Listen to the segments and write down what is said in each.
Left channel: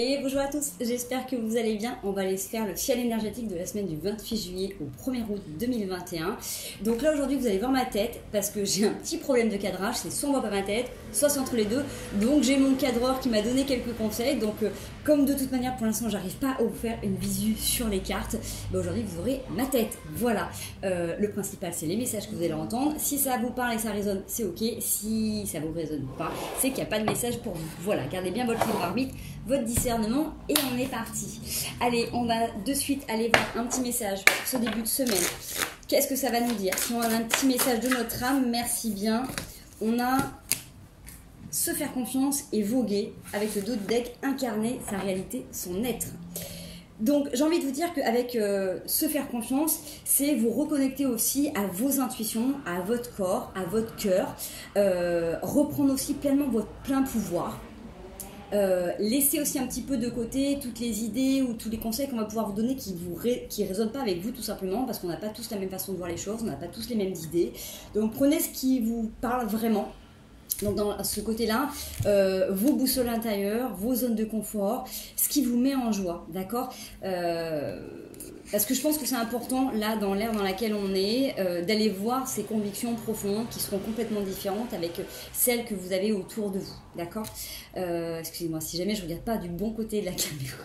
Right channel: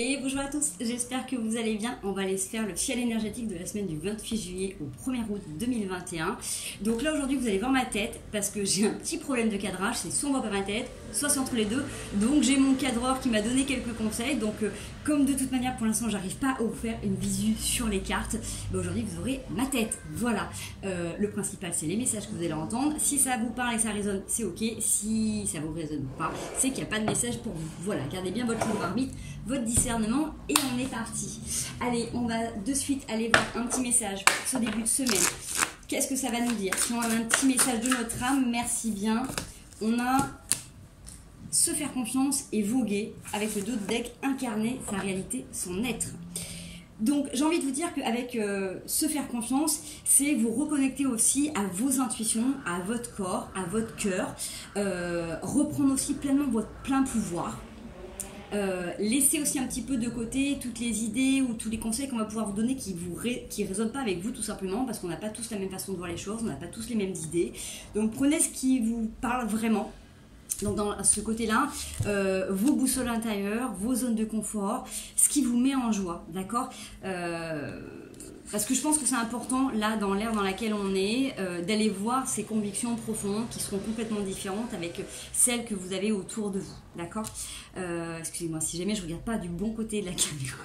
Et bonjour à tous, j'espère que vous allez bien. On va aller se faire le fiel énergétique de la semaine du 28 juillet au 1er août 2021. Donc là aujourd'hui vous allez voir ma tête parce que j'ai un petit problème de cadrage, c'est soit on voit pas ma tête, soit c'est entre les deux. Donc j'ai mon cadreur qui m'a donné quelques conseils. Donc comme de toute manière pour l'instant j'arrive pas à vous faire une visu sur les cartes, aujourd'hui vous aurez ma tête. Voilà, le principal c'est les messages que vous allez entendre. Si ça vous parle et que ça résonne, c'est ok. Si ça vous résonne pas, c'est qu'il n'y a pas de message pour vous. Voilà, gardez bien votre libre arbitre, votre discernement et on est parti. Allez, on va de suite aller voir un petit message pour ce début de semaine. Qu'est-ce que ça va nous dire? Si on a un petit message de notre âme, merci bien. On a se faire confiance et voguer avec le dos de deck, incarner sa réalité, son être. Donc j'ai envie de vous dire qu'avec se faire confiance, c'est vous reconnecter aussi à vos intuitions, à votre corps, à votre cœur, reprendre aussi pleinement votre plein pouvoir. Laissez aussi un petit peu de côté toutes les idées ou tous les conseils qu'on va pouvoir vous donner qui résonnent pas avec vous tout simplement parce qu'on n'a pas tous la même façon de voir les choses, on n'a pas tous les mêmes idées. Donc prenez ce qui vous parle vraiment. Donc dans ce côté-là, vos boussoles intérieures, vos zones de confort, ce qui vous met en joie, d'accord, parce que je pense que c'est important, là, dans l'ère dans laquelle on est, d'aller voir ces convictions profondes qui seront complètement différentes avec celles que vous avez autour de vous, d'accord. Excusez-moi, si jamais je ne regarde pas du bon côté de la caméra.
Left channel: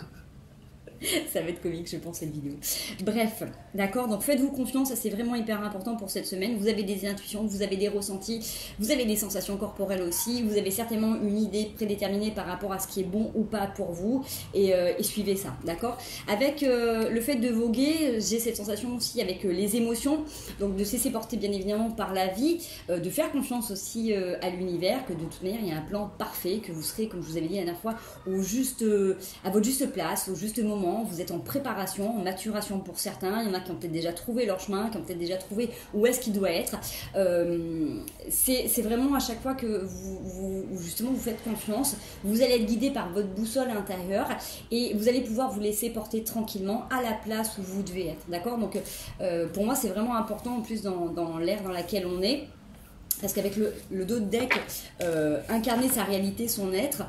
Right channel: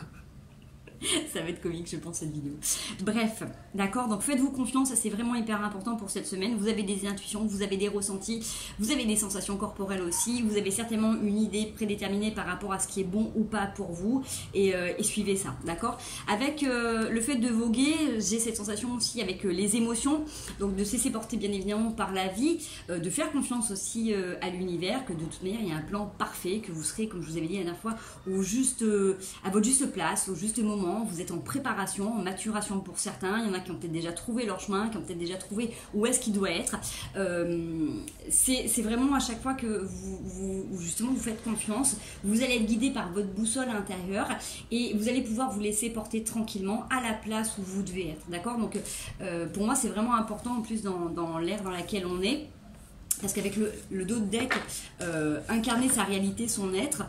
Ça va être comique, je pense, cette vidéo. Bref, d'accord, donc faites-vous confiance, ça c'est vraiment hyper important pour cette semaine. Vous avez des intuitions, vous avez des ressentis, vous avez des sensations corporelles aussi, vous avez certainement une idée prédéterminée par rapport à ce qui est bon ou pas pour vous, et suivez ça, d'accord. Avec le fait de voguer, j'ai cette sensation aussi avec les émotions, donc de se laisser porter bien évidemment par la vie, de faire confiance aussi à l'univers, que de toute manière il y a un plan parfait, que vous serez, comme je vous avais dit la dernière fois, à votre juste place, au juste moment. Vous êtes en préparation, en maturation pour certains. Il y en a qui ont peut-être déjà trouvé leur chemin, qui ont peut-être déjà trouvé où est-ce qu'il doit être. C'est vraiment à chaque fois que justement vous faites confiance, vous allez être guidé par votre boussole intérieure et vous allez pouvoir vous laisser porter tranquillement à la place où vous devez être. D'accord? Donc pour moi c'est vraiment important en plus dans l'ère dans laquelle on est. Parce qu'avec le dos de deck, incarner sa réalité, son être,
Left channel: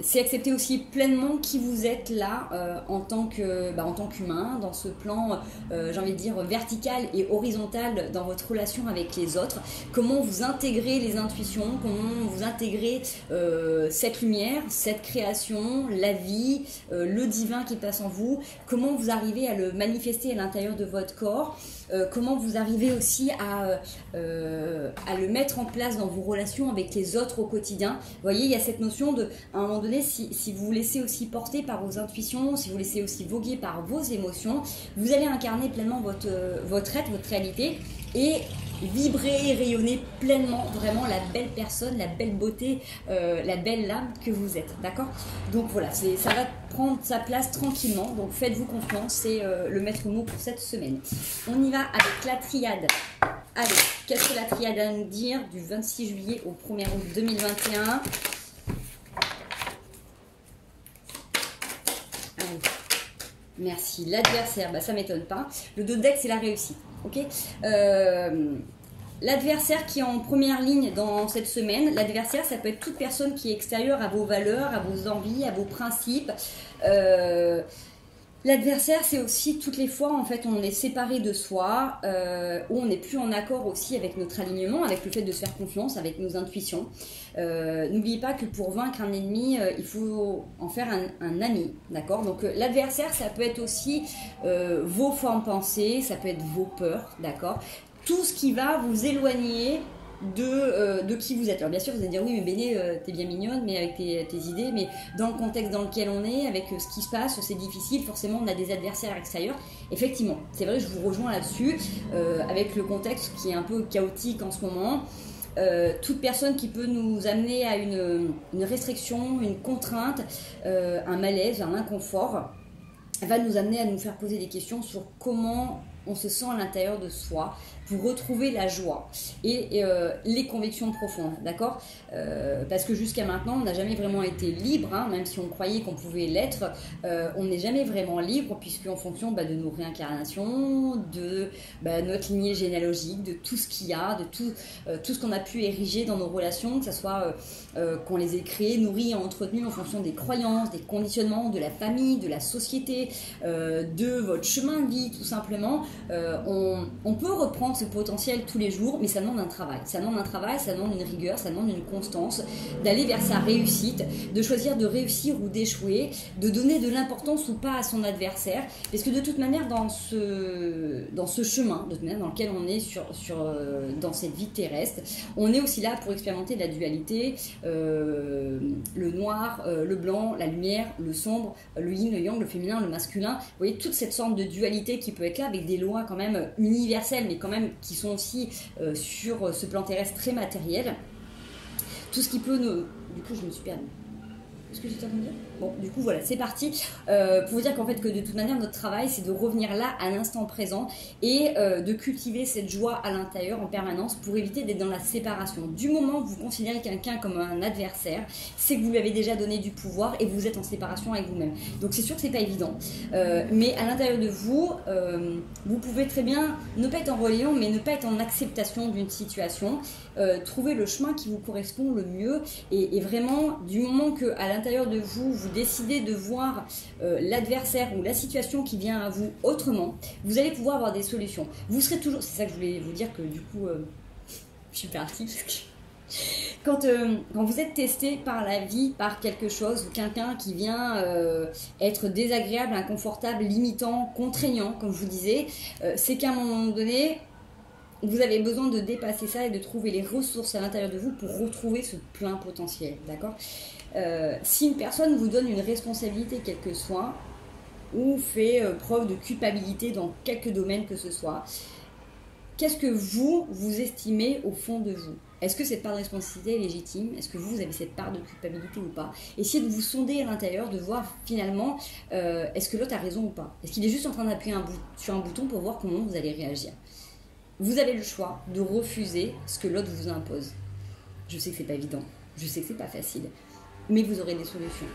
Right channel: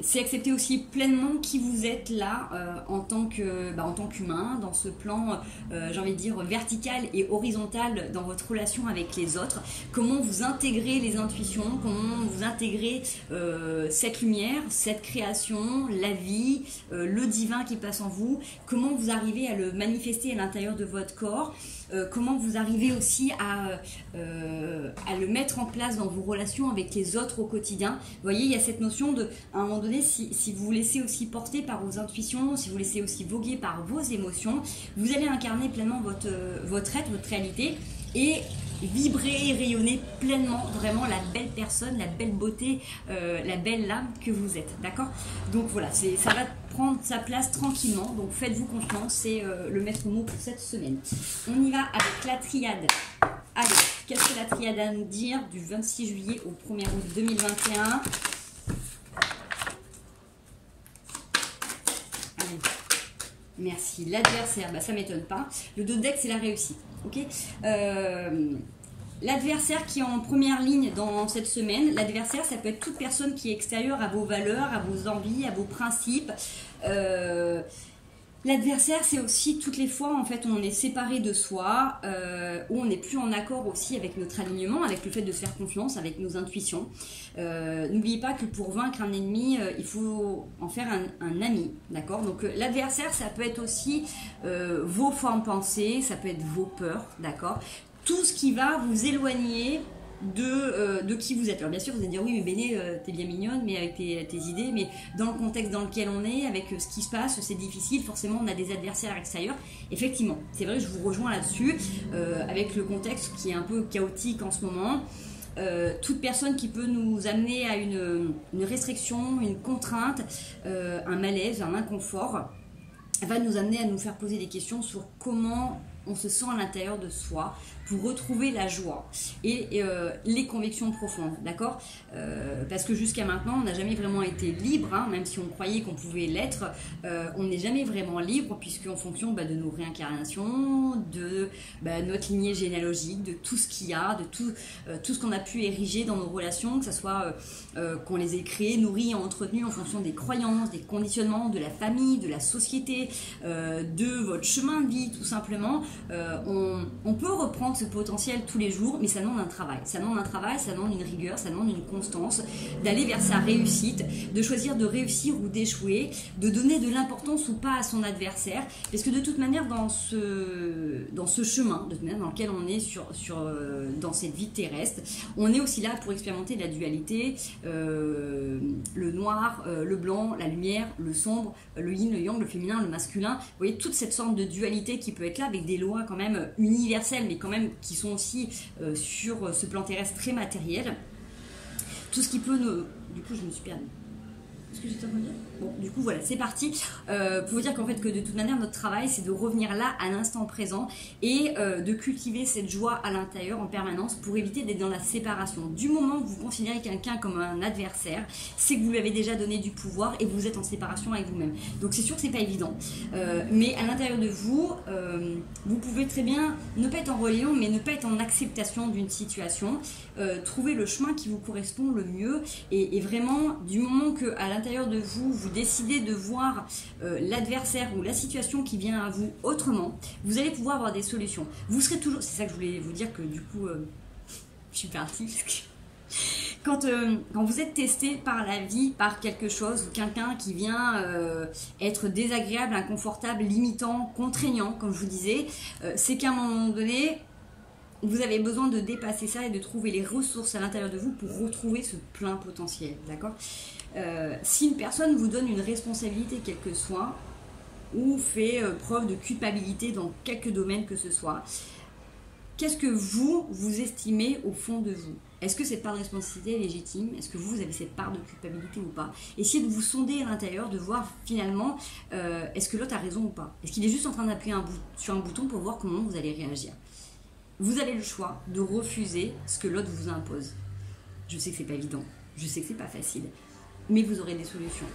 c'est accepter aussi pleinement qui vous êtes là en tant qu'humain, dans ce plan, j'ai envie de dire, vertical et horizontal dans votre relation avec les autres. Comment vous intégrez les intuitions, comment vous intégrez cette lumière, cette création, la vie, le divin qui passe en vous, comment vous arrivez à le manifester à l'intérieur de votre corps. Comment vous arrivez aussi à le mettre en place dans vos relations avec les autres au quotidien. Vous voyez, il y a cette notion de, à un moment donné, si vous vous laissez aussi porter par vos intuitions, si vous laissez aussi voguer par vos émotions, vous allez incarner pleinement votre être, votre réalité et vibrer et rayonner pleinement vraiment la belle personne, la belle beauté, la belle âme que vous êtes, d'accord. Donc voilà, ça va prendre sa place tranquillement, donc faites-vous confiance, c'est le maître mot pour cette semaine. On y va avec la triade. Allez, qu'est-ce que la triade a à nous dire du 26 juillet au 1er août 2021? Allez. Merci. L'adversaire, ça m'étonne pas. Le dos de deck, c'est la réussite. Ok. L'adversaire qui est en première ligne dans cette semaine, l'adversaire, ça peut être toute personne qui est extérieure à vos valeurs, à vos envies, à vos principes. L'adversaire, c'est aussi toutes les fois, en fait, on est séparé de soi, où on n'est plus en accord aussi avec notre alignement, avec le fait de se faire confiance, avec nos intuitions. N'oubliez pas que pour vaincre un ennemi, il faut en faire un ami, d'accord. Donc l'adversaire, ça peut être aussi vos formes pensées, ça peut être vos peurs, d'accord. Tout ce qui va vous éloigner de qui vous êtes. Alors bien sûr vous allez dire oui mais Béné t'es bien mignonne mais avec tes idées, mais dans le contexte dans lequel on est, avec ce qui se passe, c'est difficile, forcément on a des adversaires extérieurs. Effectivement, c'est vrai, je vous rejoins là-dessus, avec le contexte qui est un peu chaotique en ce moment. Toute personne qui peut nous amener à une restriction, une contrainte, un malaise, un inconfort, va nous amener à nous faire poser des questions sur comment on se sent à l'intérieur de soi, pour retrouver la joie et les convictions profondes, d'accord? Parce que jusqu'à maintenant, on n'a jamais vraiment été libre, hein, même si on croyait qu'on pouvait l'être, on n'est jamais vraiment libre, puisque en fonction de nos réincarnations, de notre lignée généalogique, de tout ce qu'il y a, de tout ce qu'on a pu ériger dans nos relations, que ce soit qu'on les ait créées, nourries et entretenues en fonction des croyances, des conditionnements, de la famille, de la société, de votre chemin de vie, tout simplement. On peut reprendre ce potentiel tous les jours, mais ça demande un travail. Ça demande un travail, ça demande une rigueur, ça demande une constance, d'aller vers sa réussite, de choisir de réussir ou d'échouer, de donner de l'importance ou pas à son adversaire, parce que de toute manière, dans ce chemin, de toute manière, dans lequel on est dans cette vie terrestre, on est aussi là pour expérimenter la dualité, le noir, le blanc, la lumière, le sombre, le yin, le yang, le féminin, le masculin. Vous voyez, toute cette sorte de dualité qui peut être là, avec des lois quand même universelles, mais quand même qui sont aussi sur ce plan terrestre très matériel. Tout ce qui peut nous... Du coup, je me suis perdue. Qu'est-ce que j'étais en train de dire ? Bon, du coup, voilà, c'est parti. Pour vous dire qu'en fait, que de toute manière, notre travail, c'est de revenir là, à l'instant présent, et de cultiver cette joie à l'intérieur en permanence pour éviter d'être dans la séparation. Du moment où vous considérez quelqu'un comme un adversaire, c'est que vous lui avez déjà donné du pouvoir et vous êtes en séparation avec vous-même. Donc, c'est sûr que c'est pas évident. Mais à l'intérieur de vous, vous pouvez très bien ne pas être en rébellion, mais ne pas être en acceptation d'une situation. Trouver le chemin qui vous correspond le mieux. Et vraiment, du moment qu'à l'intérieur de vous, vous décidez de voir l'adversaire ou la situation qui vient à vous autrement, vous allez pouvoir avoir des solutions. Vous serez toujours... C'est ça que je voulais vous dire, que du coup, je suis partie. Quand vous êtes testé par la vie, par quelque chose, ou quelqu'un qui vient être désagréable, inconfortable, limitant, contraignant, comme je vous disais, c'est qu'à un moment donné... vous avez besoin de dépasser ça et de trouver les ressources à l'intérieur de vous pour retrouver ce plein potentiel, d'accord ? Si une personne vous donne une responsabilité quelle que soit, ou fait preuve de culpabilité dans quelque domaine que ce soit, qu'est-ce que vous estimez au fond de vous ? Est-ce que cette part de responsabilité est légitime ? Est-ce que vous avez cette part de culpabilité ou pas ? Essayez de vous sonder à l'intérieur, de voir finalement, est-ce que l'autre a raison ou pas ? Est-ce qu'il est juste en train d'appuyer sur un bouton pour voir comment vous allez réagir ? Vous avez le choix de refuser ce que l'autre vous impose. Je sais que c'est pas évident, je sais que c'est pas facile, mais vous aurez des solutions.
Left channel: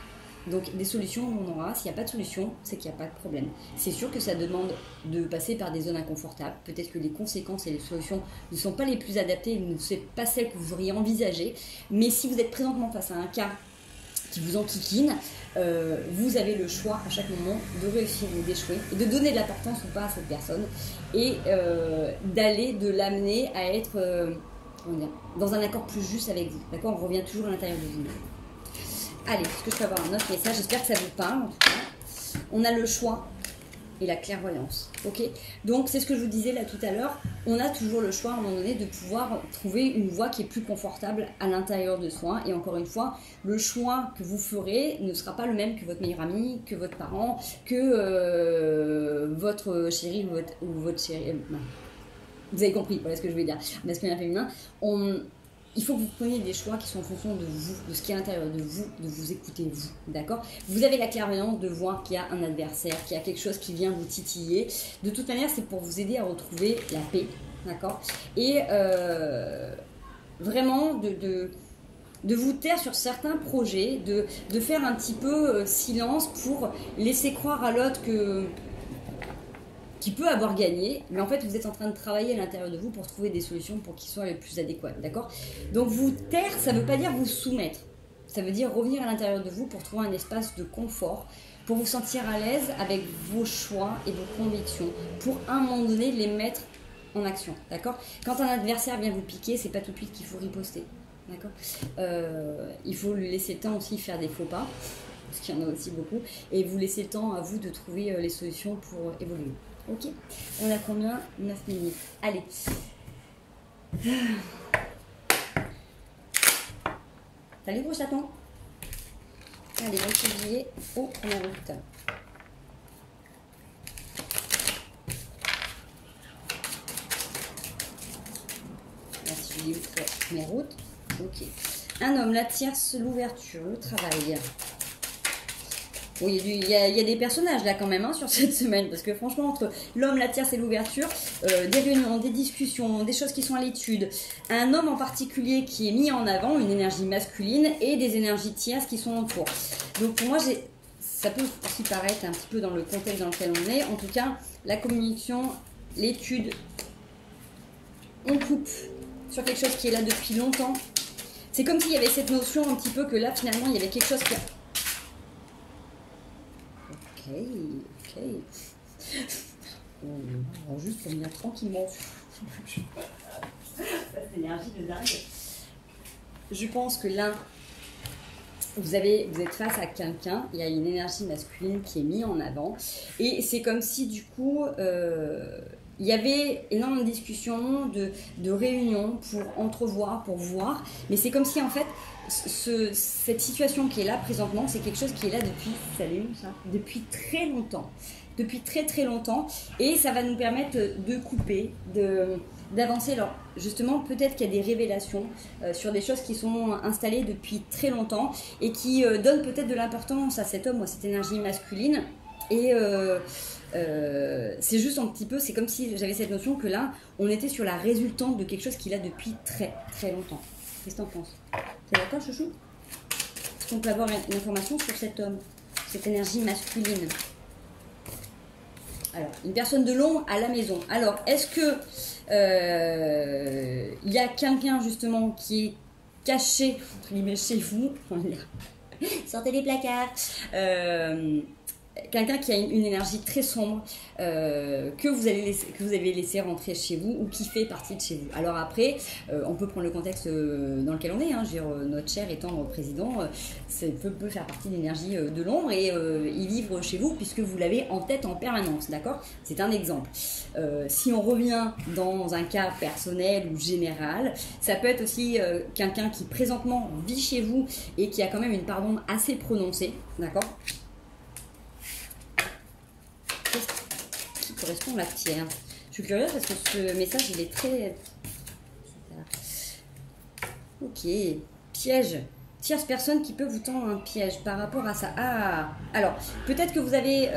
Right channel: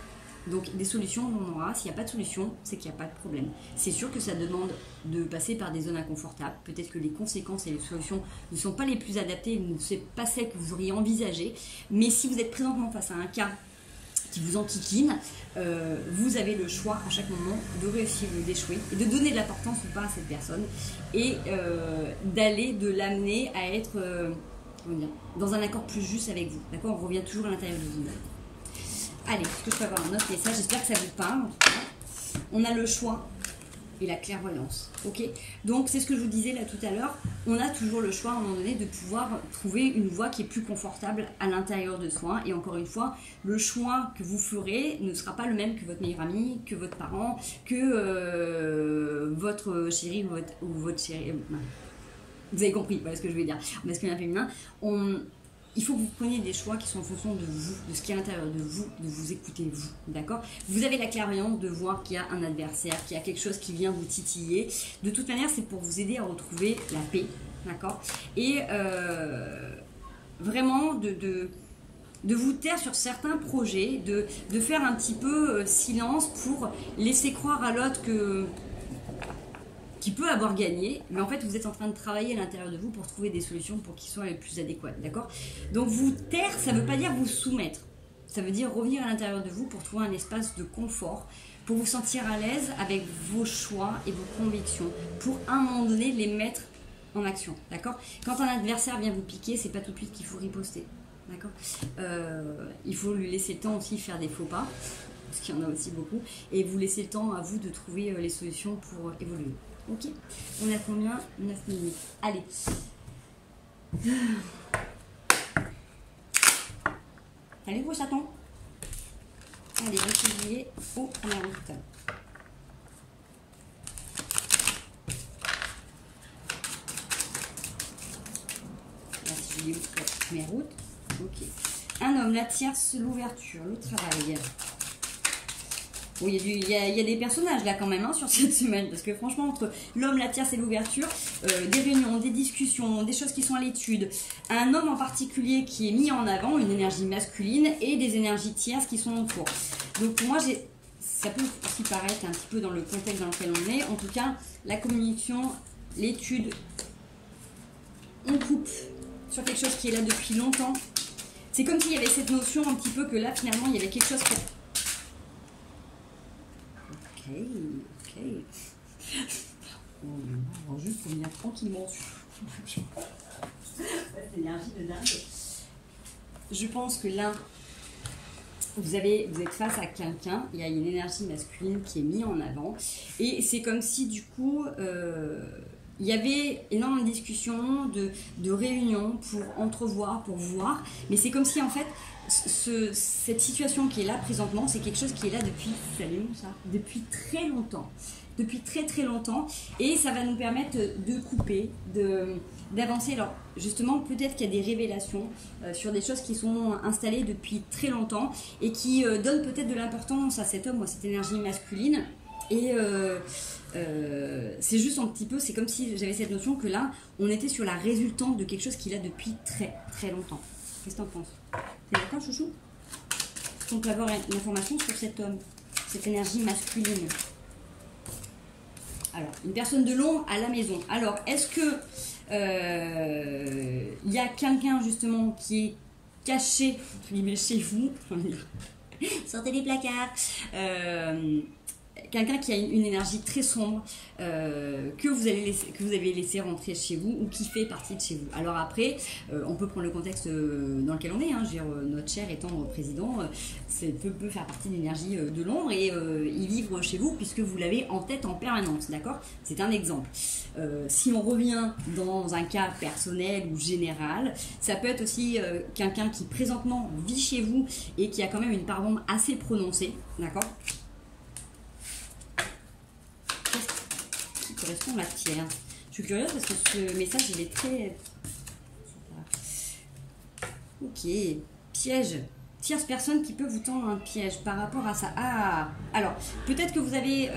Donc des solutions, on en aura. S'il n'y a pas de solution, c'est qu'il n'y a pas de problème. C'est sûr que ça demande de passer par des zones inconfortables. Peut-être que les conséquences et les solutions ne sont pas les plus adaptées, ne sont pas celles que vous auriez envisagées. Mais si vous êtes présentement face à un cas qui vous enquiquine, vous avez le choix à chaque moment de réussir ou d'échouer et de donner de l'importance ou pas à cette personne et de l'amener à être dans un accord plus juste avec vous. D'accord ? On revient toujours à l'intérieur de vous. Allez, est-ce que je peux avoir un autre message ? J'espère que ça vous parle en tout cas. On a le choix et la clairvoyance. Ok ? Donc c'est ce que je vous disais là tout à l'heure. On a toujours le choix à un moment donné de pouvoir trouver une voie qui est plus confortable à l'intérieur de soi. Et encore une fois, le choix que vous ferez ne sera pas le même que votre meilleur ami, que votre parent, que votre chéri ou votre chérie. Vous avez compris, voilà ce que je veux dire. Masculin et féminin. Il faut que vous preniez des choix qui sont en fonction de vous, de ce qui est à l'intérieur de vous écouter vous, d'accord ? Vous avez la clairvoyance de voir qu'il y a un adversaire, qu'il y a quelque chose qui vient vous titiller. De toute manière, c'est pour vous aider à retrouver la paix, d'accord ? Et vraiment de vous taire sur certains projets, de faire un petit peu silence pour laisser croire à l'autre qui peut avoir gagné, mais en fait vous êtes en train de travailler à l'intérieur de vous pour trouver des solutions pour qu'ils soient les plus adéquates, d'accord ? Donc vous taire, ça ne veut pas dire vous soumettre, ça veut dire revenir à l'intérieur de vous pour trouver un espace de confort, pour vous sentir à l'aise avec vos choix et vos convictions, pour à un moment donné les mettre en action, d'accord ? Quand un adversaire vient vous piquer, c'est pas tout de suite qu'il faut riposter, d'accord ? Il faut lui laisser le temps aussi de faire des faux pas, parce qu'il y en a aussi beaucoup, et vous laissez le temps à vous de trouver les solutions pour évoluer. Ok, on a combien ? 9 minutes. Allez. Salut gros chaton. Allez, 28 juillet au 1er août. Juillet au 1er août. Ok. Un homme, la tierce, l'ouverture, le travail. Bon, il y a des personnages là quand même hein, sur cette semaine, parce que franchement, entre l'homme, la tierce et l'ouverture, des réunions, des discussions, des choses qui sont à l'étude, un homme en particulier qui est mis en avant, une énergie masculine, et des énergies tierces qui sont autour. Donc pour moi, ça peut aussi paraître un petit peu dans le contexte dans lequel on est. En tout cas, la communication, l'étude, on coupe sur quelque chose qui est là depuis longtemps. C'est comme s'il y avait cette notion un petit peu que là, finalement, il y avait quelque chose qui... Ok. On va juste revenir tranquillement sur cette énergie de dingue. Je pense que là, vous êtes face à quelqu'un, il y a une énergie masculine qui est mise en avant. Et c'est comme si, du coup, il y avait énormément de discussions, de réunions pour entrevoir, pour voir. Mais c'est comme si, en fait, cette situation qui est là présentement, c'est quelque chose qui est là depuis très longtemps. Depuis très très longtemps. Et ça va nous permettre de couper, d'avancer. Alors justement, peut-être qu'il y a des révélations sur des choses qui sont installées depuis très longtemps et qui donnent peut-être de l'importance à cet homme ou à cette énergie masculine. Et c'est juste un petit peu, c'est comme si j'avais cette notion que là, on était sur la résultante de quelque chose qui est là depuis très très longtemps. Qu'est-ce que t'en penses? T'es d'accord, chouchou? Est-ce qu'on peut avoir une information sur cet homme, cette énergie masculine? Alors, une personne de l'ombre à la maison. Alors, est-ce que il y a quelqu'un justement qui est caché, entre guillemets, chez vous? Sortez les placards. Quelqu'un qui a une énergie très sombre que vous avez laissé rentrer chez vous ou qui fait partie de chez vous. Alors après, on peut prendre le contexte dans lequel on est. Hein. Je veux dire, notre cher et tendre président peut faire partie de l'énergie de l'ombre et il vivre chez vous puisque vous l'avez en tête en permanence. D'accord? C'est un exemple. Si on revient dans un cas personnel ou général, ça peut être aussi quelqu'un qui présentement vit chez vous et qui a quand même une part d'ombre assez prononcée. D'accord? Qui correspond à la tiers. Je suis curieuse parce que ce message il est très... Ok. Piège. Tierce personne qui peut vous tendre un piège par rapport à ça. Ah, alors peut-être que vous avez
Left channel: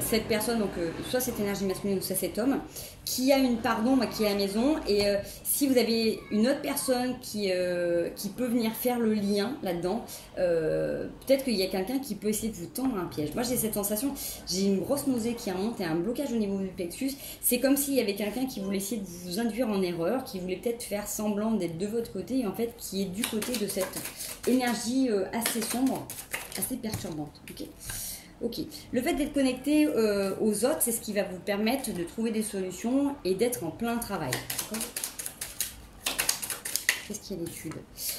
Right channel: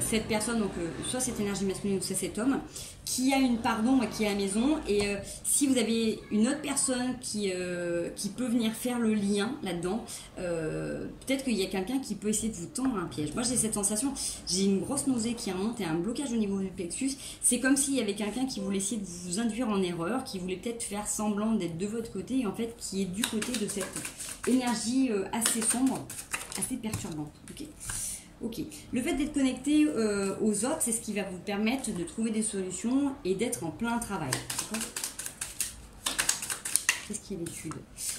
cette personne, donc soit cette énergie masculine ou soit cet homme, qui a une part d'ombre qui est à la maison. Et si vous avez une autre personne qui peut venir faire le lien là-dedans, peut-être qu'il y a quelqu'un qui peut essayer de vous tendre un piège. Moi j'ai cette sensation, j'ai une grosse nausée qui remonte et un blocage au niveau du plexus. C'est comme s'il y avait quelqu'un qui voulait essayer de vous induire en erreur, qui voulait peut-être faire semblant d'être de votre côté et en fait qui est du côté de cette énergie assez sombre, assez perturbante. Ok. Le fait d'être connecté aux autres, c'est ce qui va vous permettre de trouver des solutions et d'être en plein travail. D'accord? Qu'est-ce qu'il y a à l'étude?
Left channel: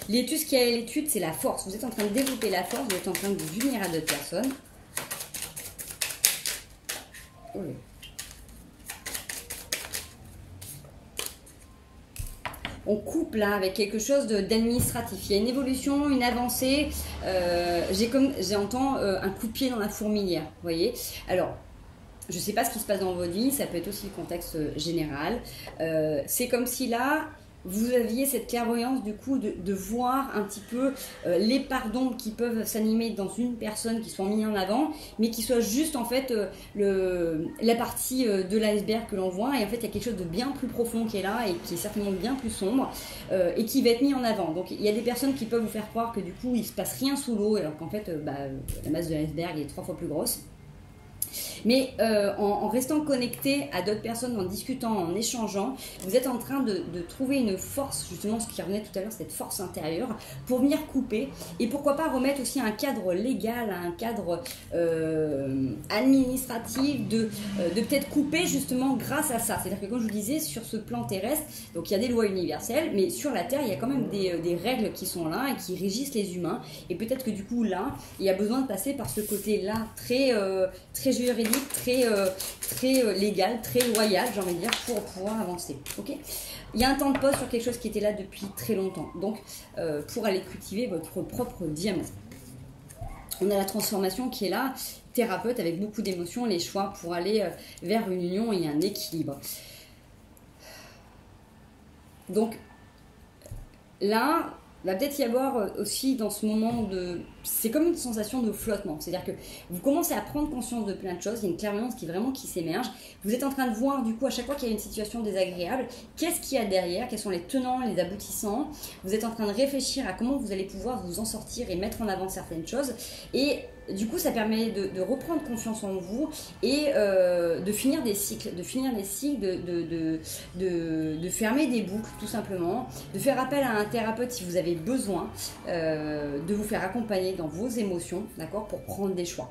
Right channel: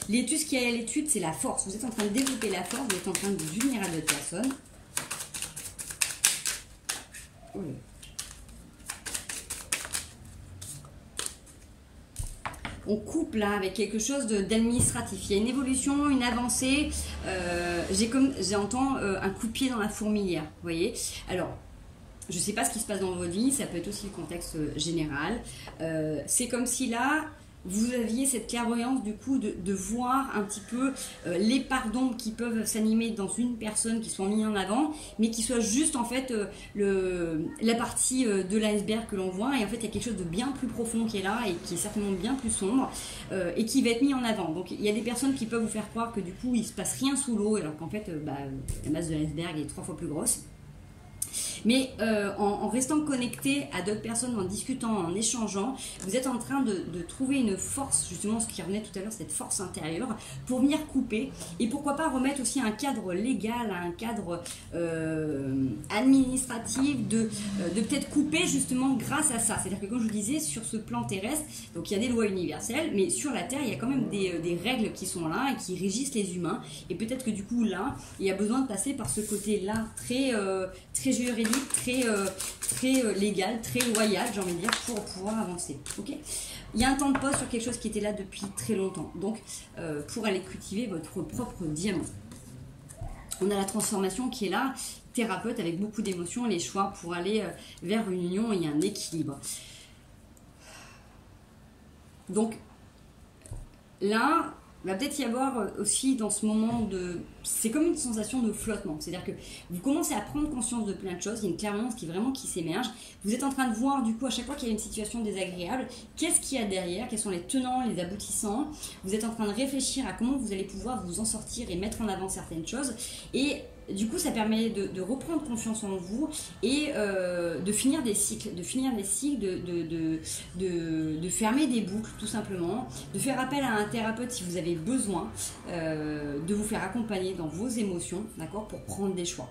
L'étude, ce qu'il y a à l'étude, c'est la force. Vous êtes en train de développer la force, vous êtes en train de vous unir à d'autres personnes. Oui. On coupe là avec quelque chose d'administratif. Il y a une évolution, une avancée. J'entends un coup de pied dans la fourmilière. Vous voyez? Alors, je ne sais pas ce qui se passe dans votre vie. Ça peut être aussi le contexte général. C'est comme si là, vous aviez cette clairvoyance du coup de voir un petit peu les parts d'ombre qui peuvent s'animer dans une personne qui sont mises en avant, mais qui soit juste en fait la partie de l'iceberg que l'on voit, et en fait il y a quelque chose de bien plus profond qui est là et qui est certainement bien plus sombre et qui va être mis en avant. Donc il y a des personnes qui peuvent vous faire croire que du coup il se passe rien sous l'eau alors qu'en fait la masse de l'iceberg est 3 fois plus grosse. Mais en restant connecté à d'autres personnes, en discutant, en échangeant, vous êtes en train de trouver une force, justement ce qui revenait tout à l'heure, cette force intérieure, pour venir couper. Et pourquoi pas remettre aussi un cadre légal, un cadre administratif, de peut-être couper justement grâce à ça. C'est-à-dire que comme je vous disais, sur ce plan terrestre, donc il y a des lois universelles, mais sur la Terre, il y a quand même des règles qui sont là et qui régissent les humains. Et peut-être que du coup, là, il y a besoin de passer par ce côté-là très juridique, très légal, très loyal, j'ai envie de dire, pour pouvoir avancer. Ok ? Il y a un temps de pause sur quelque chose qui était là depuis très longtemps. Donc, pour aller cultiver votre propre diamant. On a la transformation qui est là, thérapeute avec beaucoup d'émotions, les choix pour aller vers une union et un équilibre. Donc, là, va peut-être y avoir aussi dans ce moment de... C'est comme une sensation de flottement. C'est-à-dire que vous commencez à prendre conscience de plein de choses. Il y a une clairvoyance qui s'émerge. Vous êtes en train de voir, du coup, à chaque fois qu'il y a une situation désagréable, qu'est-ce qu'il y a derrière, quels sont les tenants, les aboutissants. Vous êtes en train de réfléchir à comment vous allez pouvoir vous en sortir et mettre en avant certaines choses. Et du coup, ça permet de reprendre confiance en vous et de finir des cycles, de fermer des boucles, tout simplement, de faire appel à un thérapeute si vous avez besoin, de vous faire accompagner dans vos émotions, d'accord, pour prendre des choix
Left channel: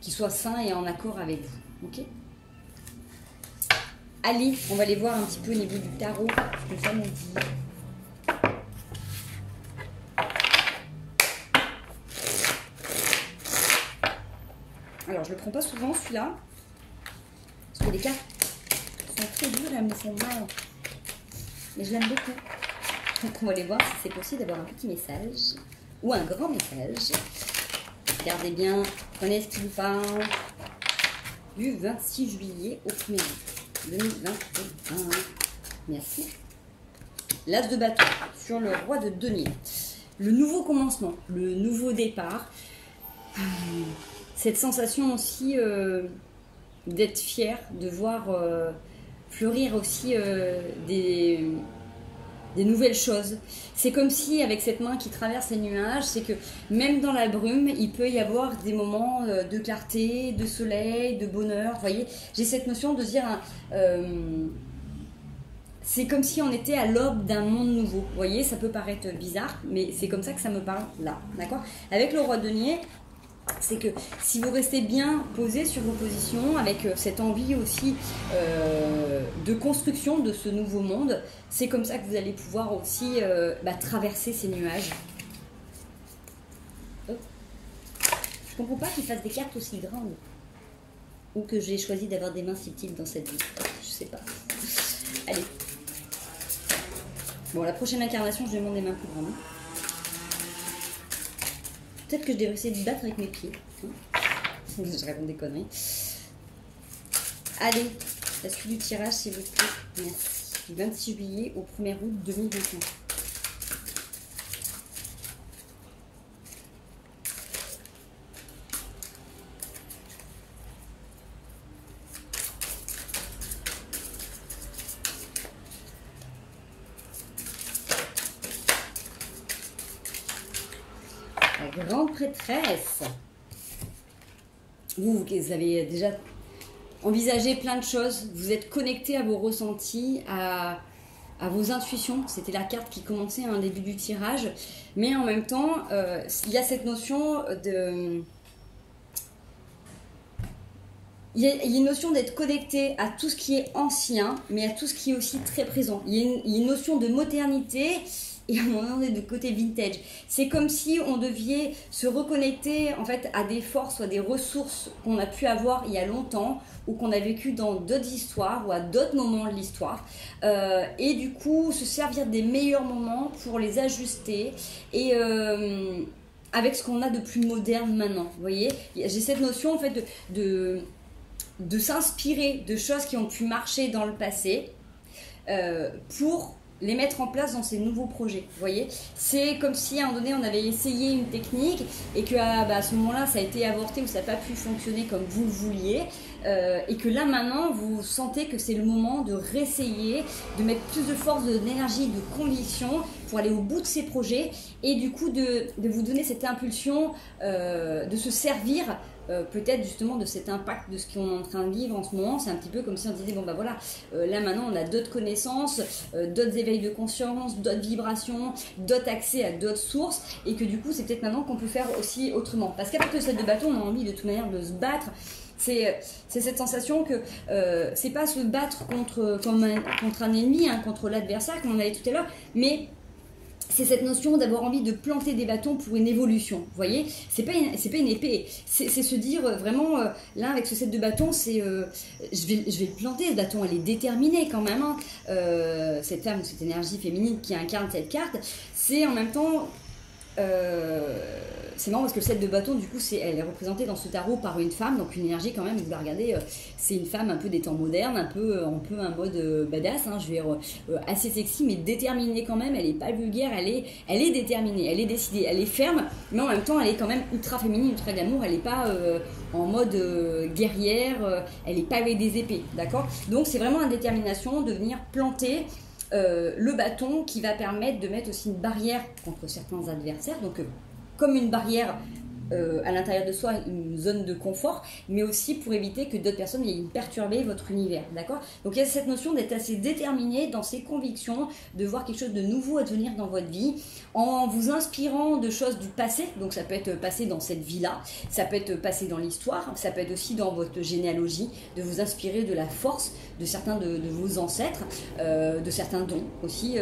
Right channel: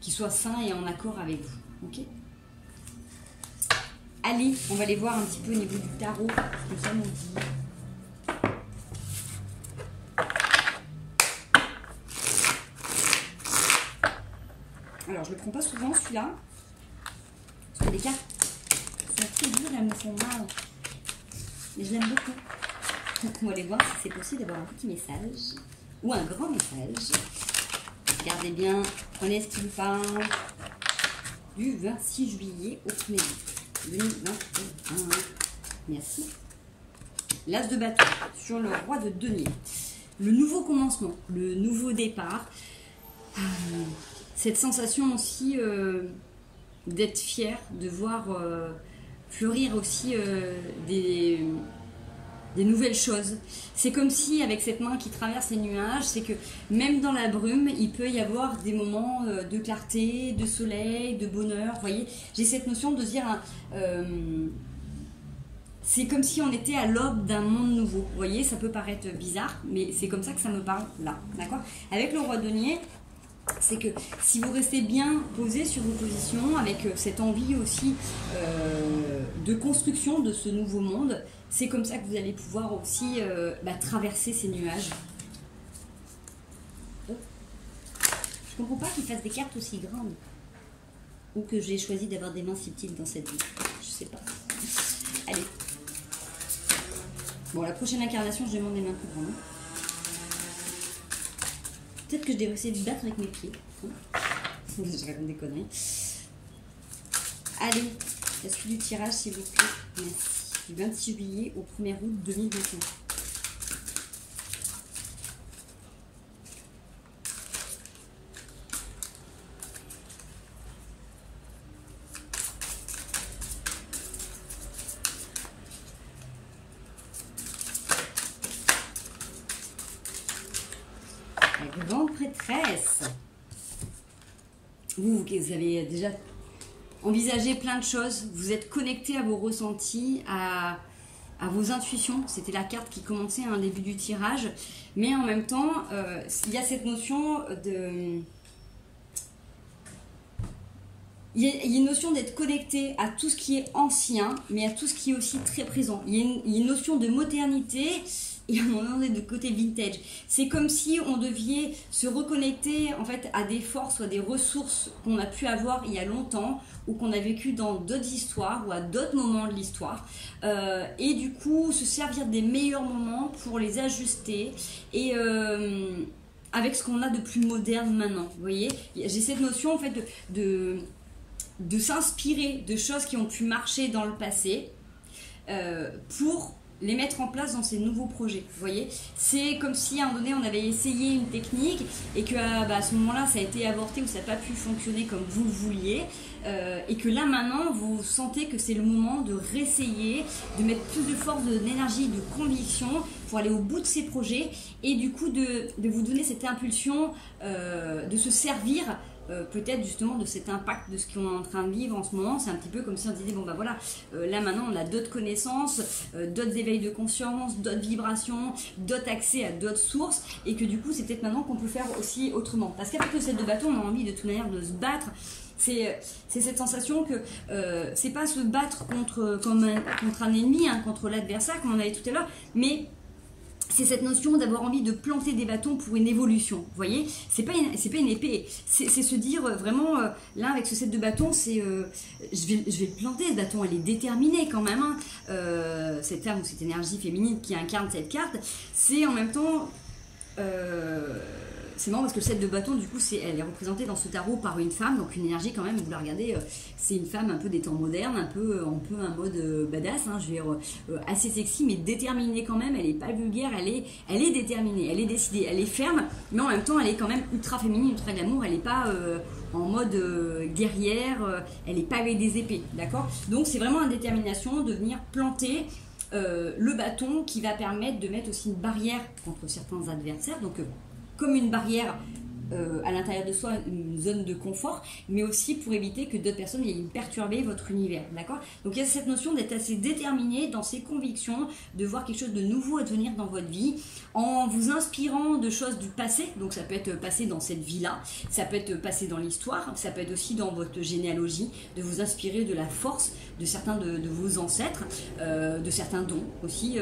qui soient sains et en accord avec vous, ok? Allez, on va aller voir un petit peu au niveau du tarot, ce que ça nous dit. Alors, je le prends pas souvent, celui-là, parce que les cartes sont très dures et elles me font mal. Mais je l'aime beaucoup. Donc, on va aller voir si c'est possible d'avoir un petit message ou un grand message. Regardez bien, prenez ce qui vous parle du 26 juillet au 1er août 2021. Merci. L'as de bâton sur le roi de denier. Le nouveau commencement, le nouveau départ. Cette sensation aussi d'être fier, de voir fleurir aussi des nouvelles choses. C'est comme si, avec cette main qui traverse les nuages, c'est que même dans la brume, il peut y avoir des moments de clarté, de soleil, de bonheur. Vous voyez, j'ai cette notion de dire... c'est comme si on était à l'aube d'un monde nouveau. Vous voyez, ça peut paraître bizarre, mais c'est comme ça que ça me parle là. D'accord ? Avec le roi de denier, c'est que si vous restez bien posé sur vos positions, avec cette envie aussi de construction de ce nouveau monde, c'est comme ça que vous allez pouvoir aussi traverser ces nuages. Oh. Je comprends pas qu'ils fassent des cartes aussi grandes. Ou que j'ai choisi d'avoir des mains si petites dans cette vie. Je sais pas. Allez. Bon, la prochaine incarnation, je demande des mains plus grandes. Peut-être que je devrais essayer de battre avec mes pieds. Je raconte des conneries. Allez, la suite du tirage, s'il vous plaît. Merci. Du 26 juillet au 1er août 2021. La grande prêtresse. Vous avez déjà envisagé plein de choses. Vous êtes connecté à vos ressentis, à vos intuitions. C'était la carte qui commençait au début du tirage. Mais en même temps, il y a cette notion de... Il y a une notion d'être connecté à tout ce qui est ancien, mais à tout ce qui est aussi très présent. Il y a une notion de modernité... Et on est de côté vintage. C'est comme si on devait se reconnecter en fait à des forces ou à des ressources qu'on a pu avoir il y a longtemps ou qu'on a vécu dans d'autres histoires ou à d'autres moments de l'histoire. Et du coup, se servir des meilleurs moments pour les ajuster et avec ce qu'on a de plus moderne maintenant. Vous voyez, j'ai cette notion en fait de s'inspirer de choses qui ont pu marcher dans le passé pour les mettre en place dans ces nouveaux projets, vous voyez. C'est comme si à un moment donné on avait essayé une technique et que à ce moment-là ça a été avorté ou ça n'a pas pu fonctionner comme vous le vouliez et que là maintenant vous sentez que c'est le moment de réessayer, de mettre plus de force, d'énergie, de conviction pour aller au bout de ces projets et du coup de vous donner cette impulsion de se servir peut-être justement de cet impact de ce qu'on est en train de vivre en ce moment. C'est un petit peu comme si on disait bon bah voilà, là maintenant on a d'autres connaissances, d'autres éveils de conscience, d'autres vibrations, d'autres accès à d'autres sources et que du coup c'est peut-être maintenant qu'on peut faire aussi autrement, parce qu'après le set de bâton on a envie de toute manière de se battre. C'est cette sensation que c'est pas se battre contre un ennemi, hein, contre l'adversaire comme on avait tout à l'heure, mais c'est cette notion d'avoir envie de planter des bâtons pour une évolution, vous voyez. C'est pas une épée, c'est se dire vraiment, là avec ce set de bâtons, c'est je vais le planter ce bâton, elle est déterminée quand même, hein. Cette femme ou cette énergie féminine qui incarne cette carte, c'est en même temps c'est marrant parce que le 7 de bâton, du coup, elle est représentée dans ce tarot par une femme, donc une énergie quand même, vous la regardez, c'est une femme un peu des temps modernes, un peu un mode badass, hein, je vais dire assez sexy, mais déterminée quand même, elle est pas vulgaire, elle est déterminée, elle est décidée, elle est ferme, mais en même temps, elle est quand même ultra féminine, ultra glamour, elle est pas en mode guerrière, elle est pas avec des épées, d'accord? Donc c'est vraiment une détermination de venir planter le bâton qui va permettre de mettre aussi une barrière contre certains adversaires, donc comme une barrière à l'intérieur de soi, une zone de confort, mais aussi pour éviter que d'autres personnes viennent perturber votre univers, d'accord? Donc il y a cette notion d'être assez déterminé dans ses convictions, de voir quelque chose de nouveau advenir dans votre vie, en vous inspirant de choses du passé, donc ça peut être passé dans cette vie-là, ça peut être passé dans l'histoire, ça peut être aussi dans votre généalogie, de vous inspirer de la force de certains de vos ancêtres, de certains dons aussi,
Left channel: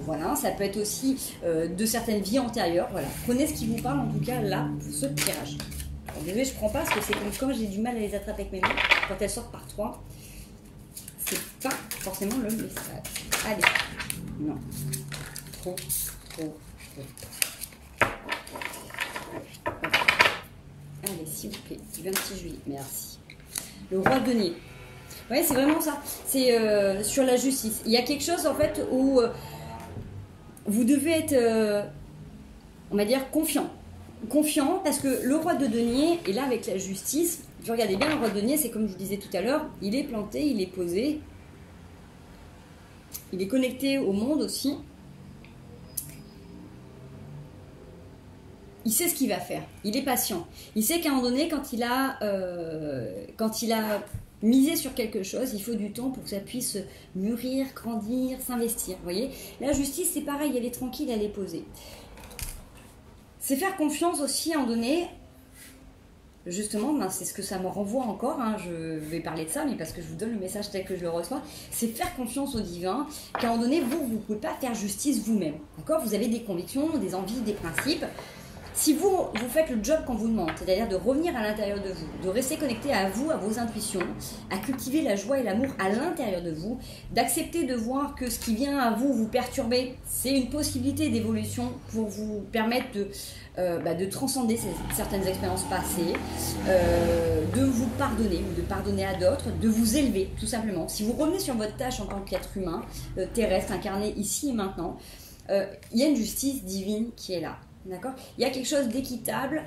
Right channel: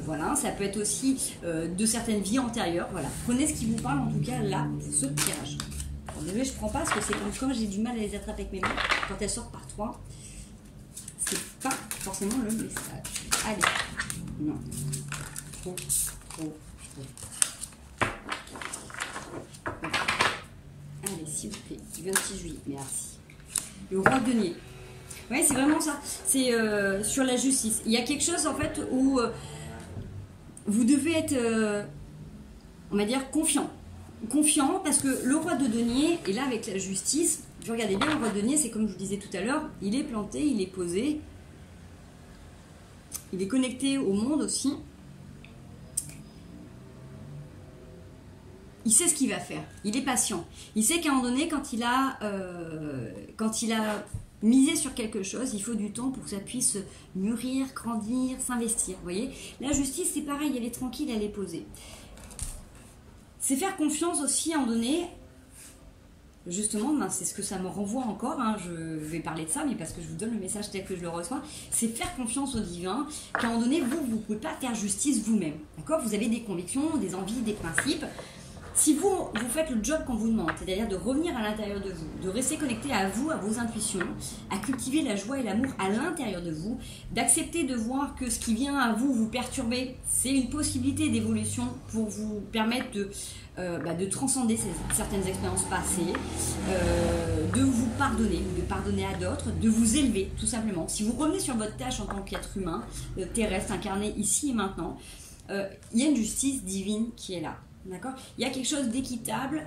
voilà, ça peut être aussi de certaines vies antérieures, voilà. Prenez ce qui vous parle en tout cas là, pour ce tirage. Alors, désolé, je prends pas parce que c'est comme j'ai du mal à les attraper avec mes mains. Quand elles sortent par 3, c'est pas forcément le message. Allez, non. Trop. Allez, s'il vous plaît, du 26 juillet, merci. Le roi de denier. Oui, c'est vraiment ça. C'est sur la justice. Il y a quelque chose en fait où vous devez être, on va dire, confiant parce que le roi de denier est là avec la justice. Je regardez bien, le roi de denier, c'est comme je vous disais tout à l'heure, il est planté, il est posé, il est connecté au monde aussi. Il sait ce qu'il va faire, il est patient. Il sait qu'à un moment donné, quand il a misé sur quelque chose, il faut du temps pour que ça puisse mûrir, grandir, s'investir. Vous voyez, la justice, c'est pareil, elle est tranquille, elle est posée. C'est faire confiance aussi à un moment donné, justement, ben c'est ce que ça me renvoie encore, hein, je vais parler de ça, mais parce que je vous donne le message tel que je le reçois, c'est faire confiance au divin, qu'à un moment donné, vous ne pouvez pas faire justice vous-même, d'accord? Vous avez des convictions, des envies, des principes. Si vous faites le job qu'on vous demande, c'est-à-dire de revenir à l'intérieur de vous, de rester connecté à vous, à vos intuitions, à cultiver la joie et l'amour à l'intérieur de vous, d'accepter de voir que ce qui vient à vous perturber, c'est une possibilité d'évolution pour vous permettre de transcender certaines expériences passées, de vous pardonner ou de pardonner à d'autres, de vous élever tout simplement. Si vous revenez sur votre tâche en tant qu'être humain, terrestre, incarné ici et maintenant, il y a une justice divine qui est là. D'accord ? Il y a quelque chose d'équitable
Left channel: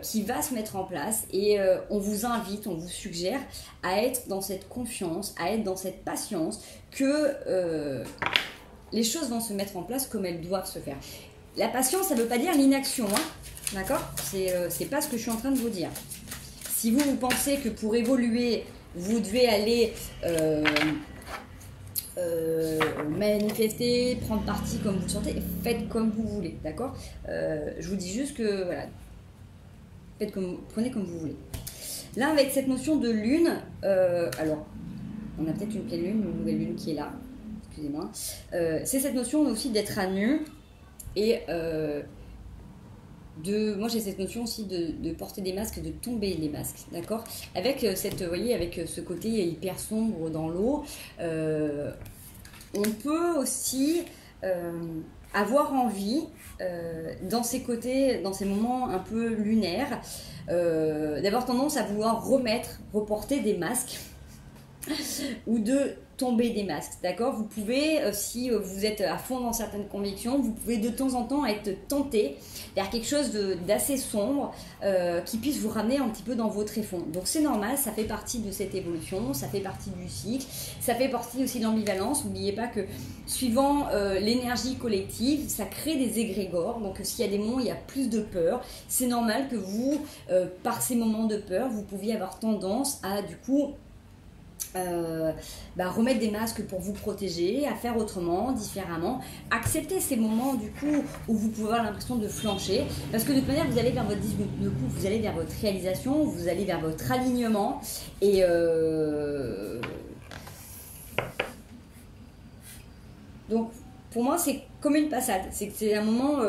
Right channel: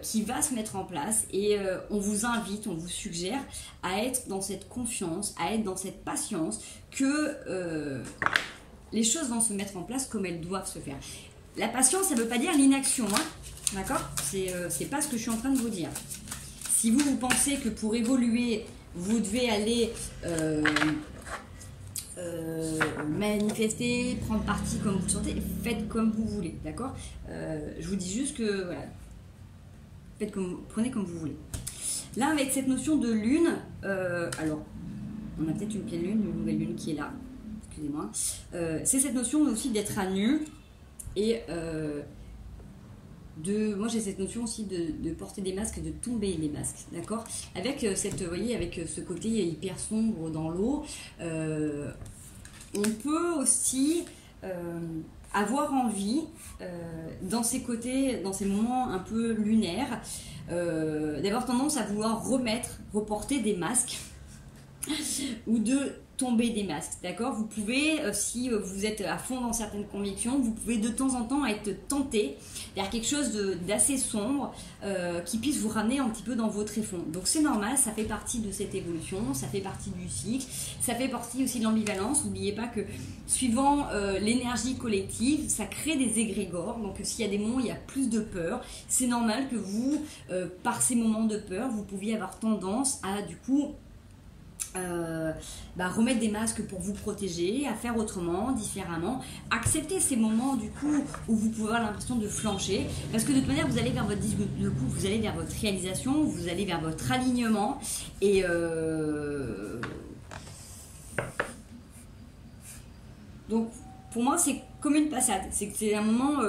qui va se mettre en place et on vous invite, on vous suggère à être dans cette confiance, à être dans cette patience que les choses vont se mettre en place comme elles doivent se faire. La patience, ça ne veut pas dire l'inaction, hein ? D'accord ? C'est pas ce que je suis en train de vous dire. Si vous pensez que pour évoluer, vous devez aller manifester, prendre parti comme vous le sentez, faites comme vous voulez, d'accord? Je vous dis juste que voilà, prenez comme vous voulez. Là, avec cette notion de lune, alors on a peut-être une pleine lune, une nouvelle lune qui est là, excusez-moi. C'est cette notion aussi d'être à nu et moi j'ai cette notion aussi de porter des masques, de tomber les masques, d'accord, avec vous voyez, avec ce côté hyper sombre dans l'eau, on peut aussi avoir envie dans ces côtés, dans ces moments un peu lunaires, d'avoir tendance à vouloir reporter des masques ou de tomber des masques, d'accord? Vous pouvez, si vous êtes à fond dans certaines convictions, vous pouvez de temps en temps être tenté vers quelque chose d'assez sombre qui puisse vous ramener un petit peu dans vos tréfonds. Donc c'est normal, ça fait partie de cette évolution, ça fait partie du cycle, ça fait partie aussi de l'ambivalence. N'oubliez pas que suivant l'énergie collective, ça crée des égrégores. Donc s'il y a des moments où il y a plus de peur, c'est normal que vous, par ces moments de peur, vous pouviez avoir tendance à du coup remettre des masques pour vous protéger, à faire autrement, différemment, accepter ces moments du coup où vous pouvez avoir l'impression de flancher, parce que de toute manière vous allez vers votre vous allez vers votre réalisation, vous allez vers votre alignement et donc pour moi c'est comme une passade, c'est un moment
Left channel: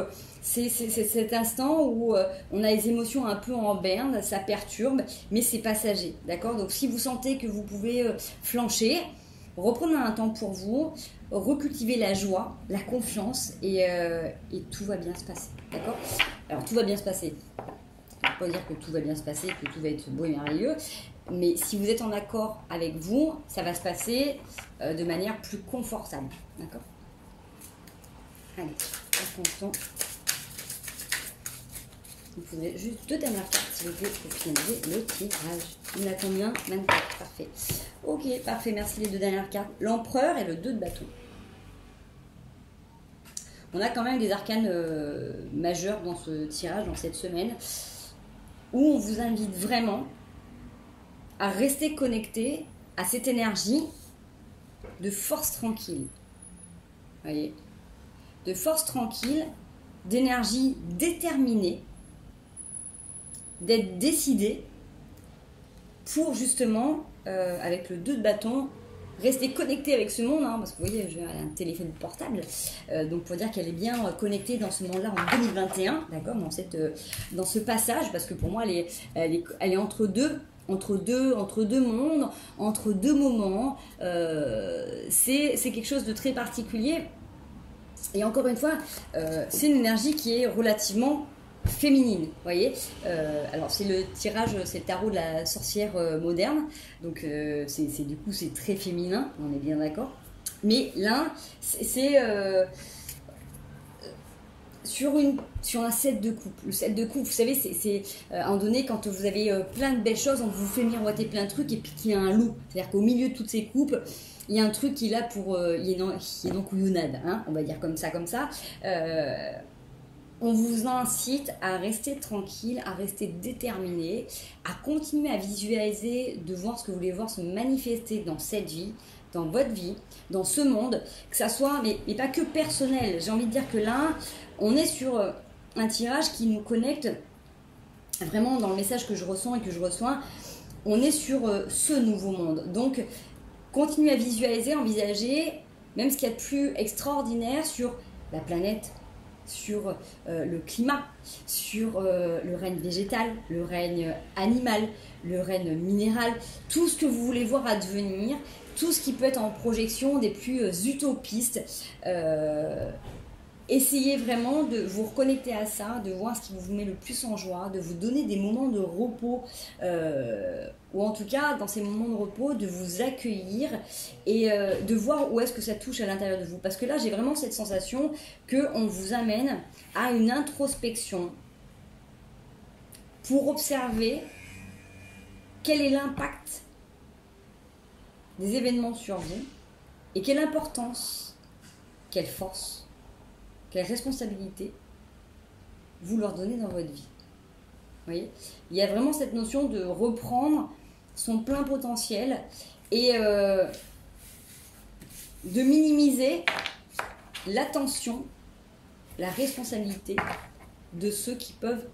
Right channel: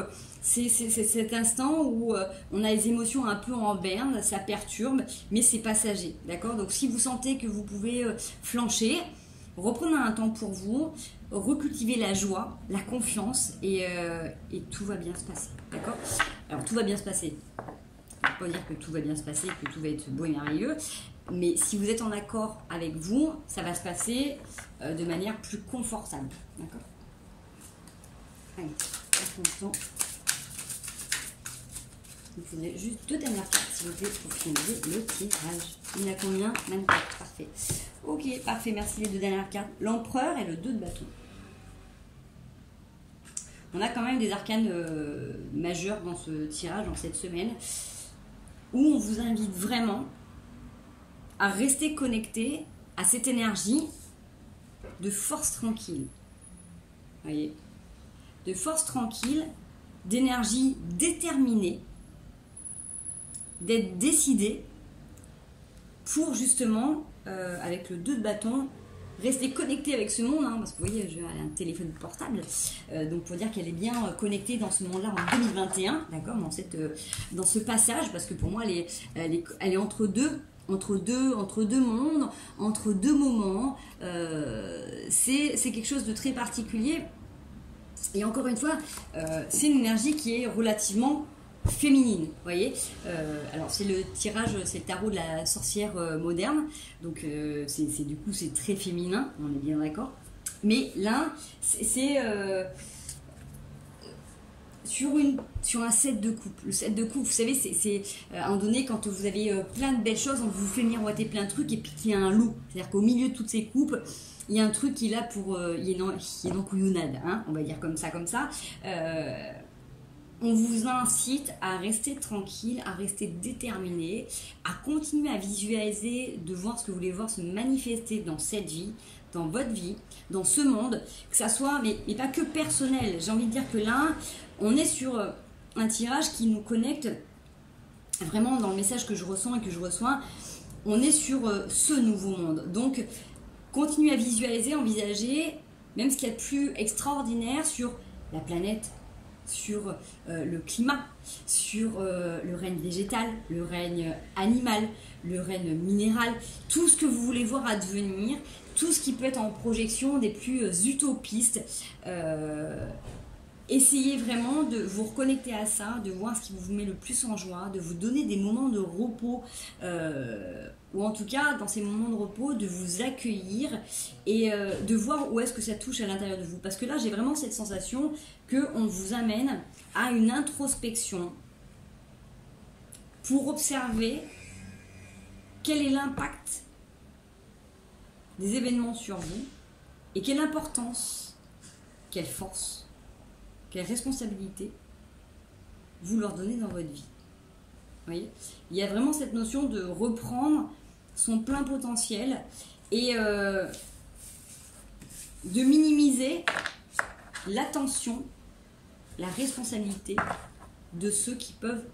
c'est cet instant où on a les émotions un peu en berne, ça perturbe, mais c'est passager, d'accord? Donc si vous sentez que vous pouvez flancher, reprenez un temps pour vous, recultivez la joie, la confiance et tout va bien se passer, d'accord? Alors tout va bien se passer. Je ne peux pas dire que tout va bien se passer, que tout va être beau et merveilleux. Mais si vous êtes en accord avec vous, ça va se passer de manière plus confortable. D'accord? Allez, on prend le temps. Il faudrait juste 2 dernières cartes, s'il vous plaît, pour finaliser le tirage. Il y en a combien? 24. Parfait. Ok, parfait. Merci les 2 dernières cartes. L'empereur et le 2 de bâton. On a quand même des arcanes majeurs dans ce tirage, dans cette semaine, où on vous invite vraiment à rester connecté à cette énergie de force tranquille. Vous voyez? De force tranquille, d'énergie déterminée, d'être décidé pour justement, avec le 2 de bâton, rester connecté avec ce monde, hein, parce que vous voyez, j'ai un téléphone portable, donc pour dire qu'elle est bien connectée dans ce monde-là en 2021, d'accord, dans ce passage, parce que pour moi, elle est entre deux mondes, entre 2 moments. C'est quelque chose de très particulier. Et encore une fois, c'est une énergie qui est relativement féminine, vous voyez. Alors c'est le tirage, c'est le tarot de la sorcière moderne, donc du coup c'est très féminin, on est bien d'accord. Mais là, c'est sur un set de coupe. Le set de coupe, vous savez, c'est à un moment donné, quand vous avez plein de belles choses, on vous fait miroiter plein de trucs, et puis qu'il y a un loup. C'est-à-dire qu'au milieu de toutes ces coupes, il y a un truc qui est là pour... il est dans couillonnade, hein, on va dire comme ça. On vous incite à rester tranquille, à rester déterminé, à continuer à visualiser, de voir ce que vous voulez voir se manifester dans cette vie, dans votre vie, dans ce monde, que ça soit, mais pas que personnel. J'ai envie de dire que là, on est sur un tirage qui nous connecte vraiment dans le message que je ressens et que je reçois. On est sur ce nouveau monde. Donc, continuez à visualiser, envisager, même ce qu'il y a de plus extraordinaire sur la planète, sur le climat, sur le règne végétal, le règne animal, le règne minéral, tout ce que vous voulez voir advenir, tout ce qui peut être en projection des plus utopistes. Essayez vraiment de vous reconnecter à ça, de voir ce qui vous met le plus en joie, de vous donner des moments de repos, ou en tout cas, dans ces moments de repos, de vous accueillir et de voir où est-ce que ça touche à l'intérieur de vous. Parce que là, j'ai vraiment cette sensation qu'on vous amène à une introspection pour observer quel est l'impact des événements sur vous et quelle importance, quelle force, quelle responsabilité vous leur donnez dans votre vie. Vous voyez, il y a vraiment cette notion de reprendre son plein potentiel et de minimiser l'attention, la responsabilité de ceux qui peuvent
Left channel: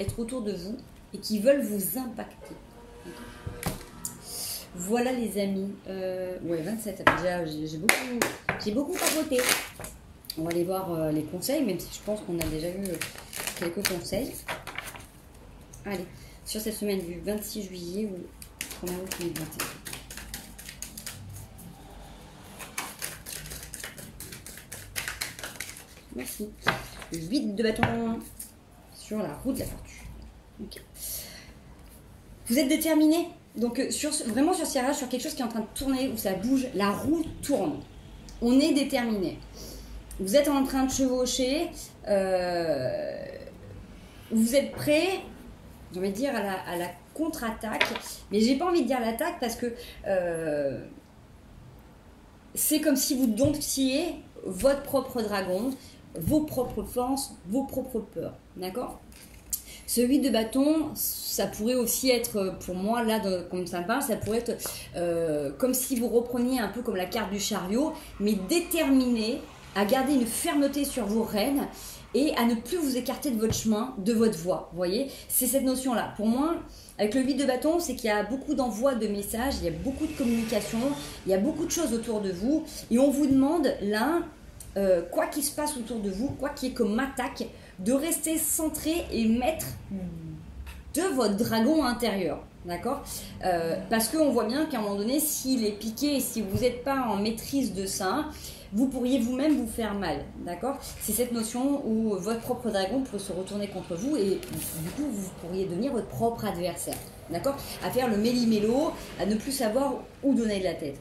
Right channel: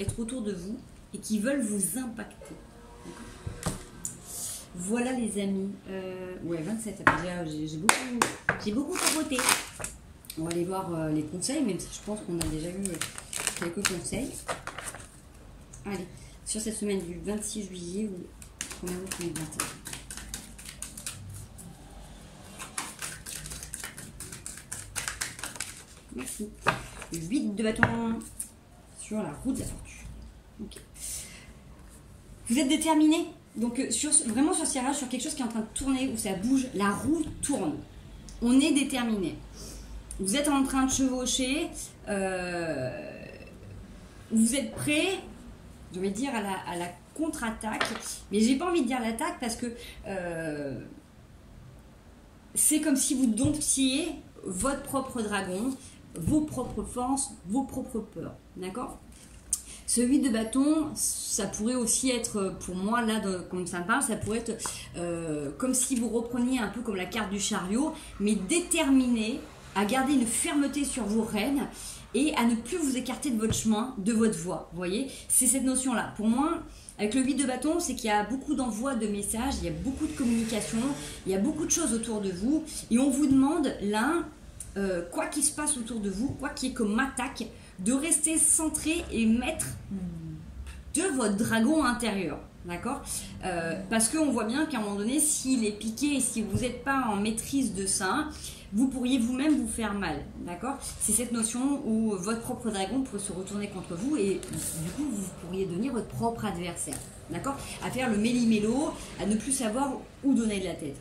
être autour de vous et qui veulent vous impacter. Voilà les amis. Ouais, 27, déjà j'ai beaucoup papoté. On va aller voir les conseils, même si je pense qu'on a déjà eu quelques conseils. Allez, sur cette semaine du 26 juillet ou 1er août 2021. Merci. Le 8 de bâton sur la roue de la fortune. Okay. Vous êtes déterminé. Donc vraiment sur ce tirage, sur quelque chose qui est en train de tourner, où ça bouge, la roue tourne. On est déterminé. Vous êtes en train de chevaucher. Vous êtes prêt, j'ai envie de dire, à la contre-attaque. Mais j'ai pas envie de dire l'attaque parce que c'est comme si vous domptiez votre propre dragon, vos propres forces, vos propres peurs. D'accord ? Ce 8 de bâton, ça pourrait aussi être, pour moi, là, comme ça me parle, ça pourrait être comme si vous repreniez un peu comme la carte du chariot, mais déterminé à garder une fermeté sur vos rênes et à ne plus vous écarter de votre chemin, de votre voie. Vous voyez, c'est cette notion-là. Pour moi, avec le 8 de bâton, c'est qu'il y a beaucoup d'envoi de messages, il y a beaucoup de communication, il y a beaucoup de choses autour de vous. Et on vous demande, là, quoi qu'il se passe autour de vous, quoi qu'il y ait comme attaque, de rester centré et mettre de votre dragon intérieur. D'accord, parce qu'on voit bien qu'à un moment donné, s'il est piqué et si vous n'êtes pas en maîtrise de ça, vous pourriez vous-même vous faire mal. D'accord, c'est cette notion où votre propre dragon peut se retourner contre vous et du coup, vous pourriez devenir votre propre adversaire. D'accord, à faire le méli-mélo, à ne plus savoir où donner de la tête.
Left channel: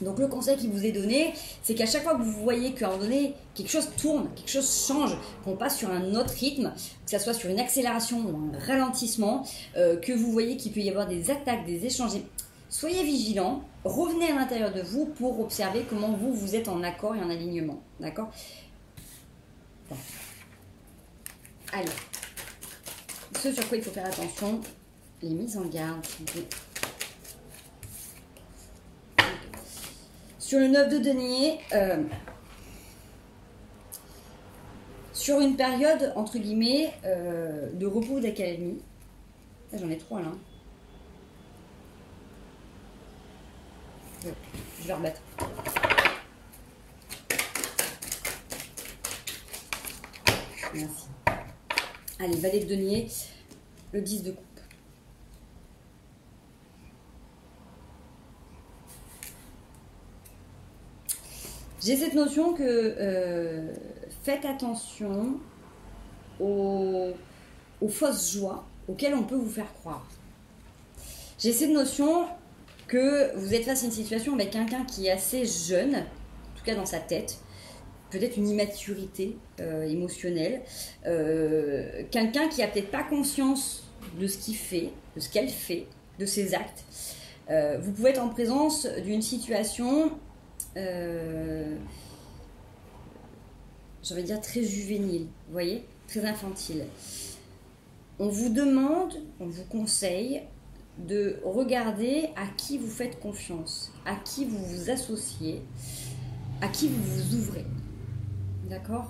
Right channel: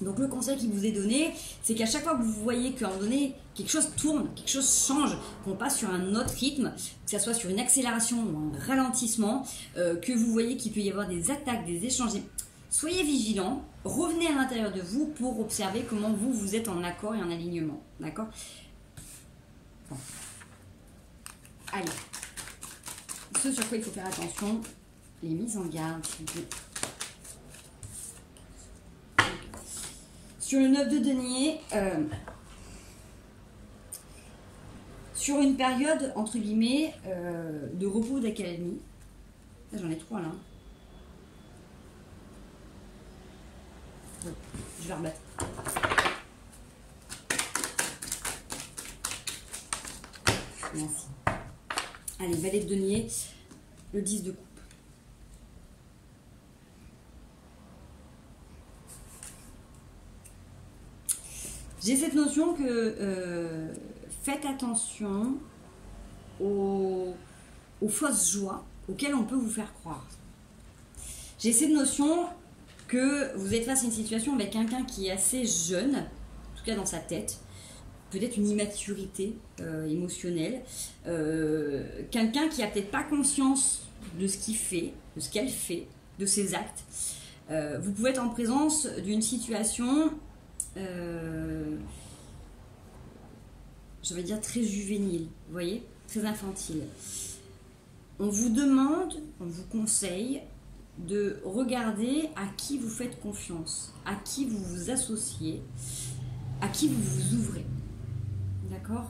Donc le conseil qui vous est donné, c'est qu'à chaque fois que vous voyez qu'à un moment donné, quelque chose tourne, quelque chose change, qu'on passe sur un autre rythme, que ce soit sur une accélération ou un ralentissement, que vous voyez qu'il peut y avoir des attaques, des échanges, soyez vigilants, revenez à l'intérieur de vous pour observer comment vous êtes en accord et en alignement. D'accord ? Bon. Allez. Ce sur quoi il faut faire attention, les mises en garde, s'il vous plaît. Sur le 9 de denier, sur une période, entre guillemets, de repos d'académie, j'en ai 3 là. Ouais, je vais rebattre. Merci. Allez, valet de denier, le 10 de coupe. J'ai cette notion que faites attention aux fausses joies auxquelles on peut vous faire croire. J'ai cette notion que vous êtes face à une situation avec quelqu'un qui est assez jeune, en tout cas dans sa tête, peut-être une immaturité émotionnelle, quelqu'un qui n'a peut-être pas conscience de ce qu'il fait, de ce qu'elle fait, de ses actes. Vous pouvez être en présence d'une situation... je vais dire très juvénile, vous voyez, très infantile. On vous demande, on vous conseille de regarder à qui vous faites confiance, à qui vous vous associez, à qui vous vous ouvrez. D'accord ?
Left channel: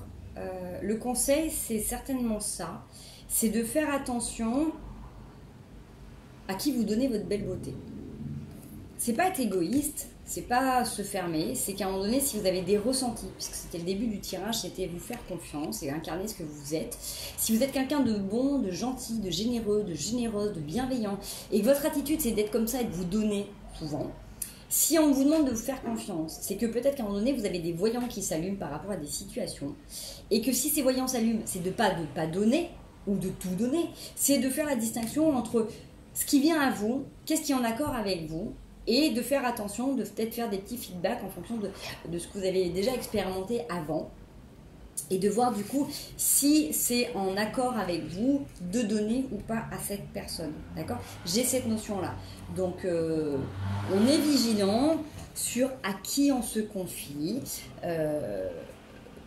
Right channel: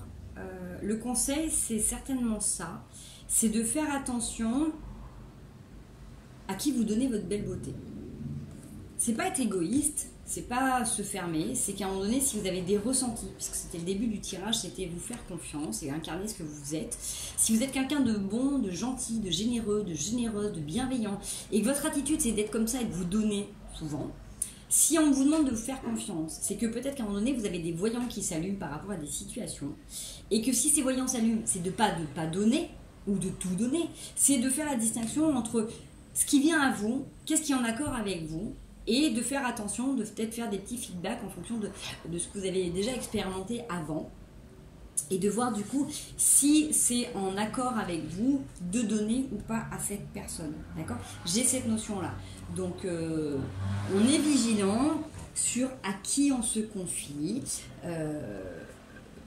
Le conseil, c'est certainement ça, c'est de faire attention à qui vous donnez votre belle beauté. C'est pas être égoïste, c'est pas se fermer, c'est qu'à un moment donné, si vous avez des ressentis, puisque c'était le début du tirage, c'était vous faire confiance et incarner ce que vous êtes. Si vous êtes quelqu'un de bon, de gentil, de généreux, de généreuse, de bienveillant, et que votre attitude c'est d'être comme ça et de vous donner souvent, si on vous demande de vous faire confiance, c'est que peut-être qu'à un moment donné, vous avez des voyants qui s'allument par rapport à des situations, et que si ces voyants s'allument, c'est de pas donner, ou de tout donner, c'est de faire la distinction entre ce qui vient à vous, qu'est-ce qui est en accord avec vous, et de faire attention, de peut-être faire des petits feedbacks en fonction de ce que vous avez déjà expérimenté avant, et de voir du coup si c'est en accord avec vous de donner ou pas à cette personne. D'accord ? J'ai cette notion-là. Donc, on est vigilant sur à qui on se confie,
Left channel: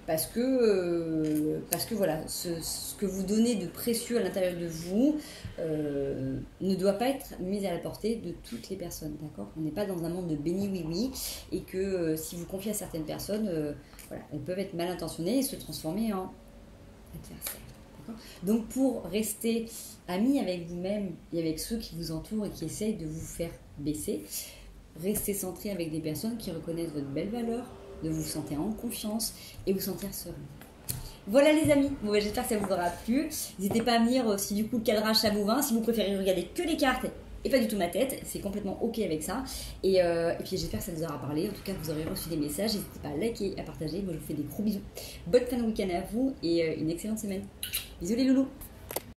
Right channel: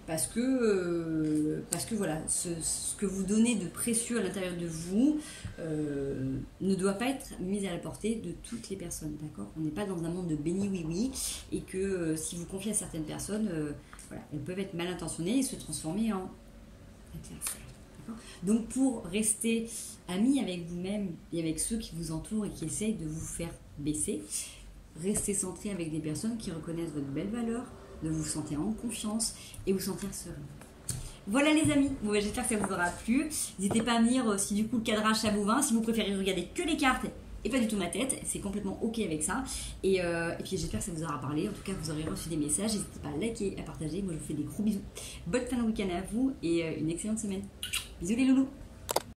parce que voilà, ce que vous donnez de précieux à l'intérieur de vous ne doit pas être mis à la portée de toutes les personnes, d'accord ? On n'est pas dans un monde de béni oui-oui, et que si vous confiez à certaines personnes, voilà, elles peuvent être mal intentionnées et se transformer en adversaires, d'accord ? Donc pour rester amis avec vous-même et avec ceux qui vous entourent et qui essayent de vous faire baisser, restez centré avec des personnes qui reconnaissent votre belle valeur, de vous sentir en confiance et vous sentir serein. Voilà les amis, bon, j'espère que ça vous aura plu. N'hésitez pas à me dire si du coup le cadrage ça vous va, si vous préférez regarder que les cartes et pas du tout ma tête, c'est complètement ok avec ça. Et puis j'espère que ça vous aura parlé, en tout cas vous aurez reçu des messages, n'hésitez pas à liker, à partager. Moi je vous fais des gros bisous. Bonne fin de week-end à vous et une excellente semaine. Bisous les loulous.